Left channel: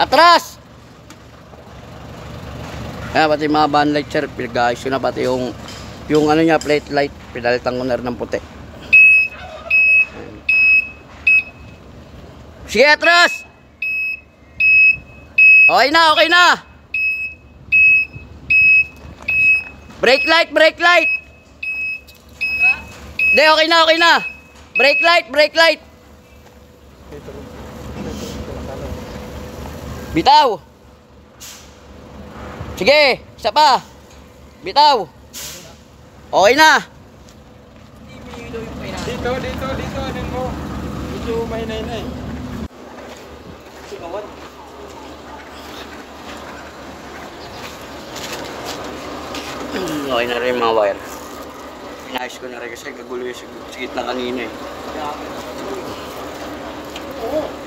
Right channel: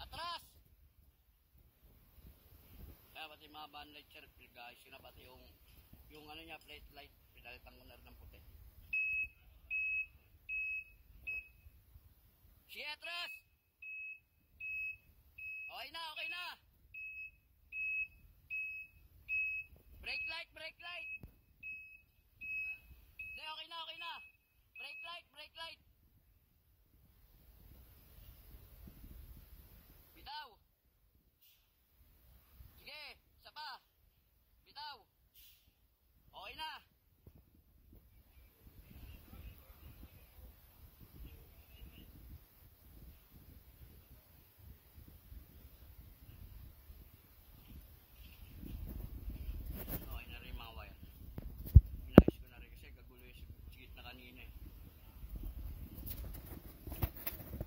Atras! Kaya pati mga van light sir, pinag-ayos ko na pati yung ano niya, plate light, pinalitan ko na rin ng puti. Sige, atras! Okay na, okay na! Brake light, brake light! Hindi, okay na, okay na! Brake light, brake light! Bitaw! Sige, isa pa! Bitaw! Okay na! Dito, ano mo? Medyo mahinay na eh. Okay na rin mga wire. Inayos ko na rin kasi kagulo yung sa gitna kanina eh. Oo.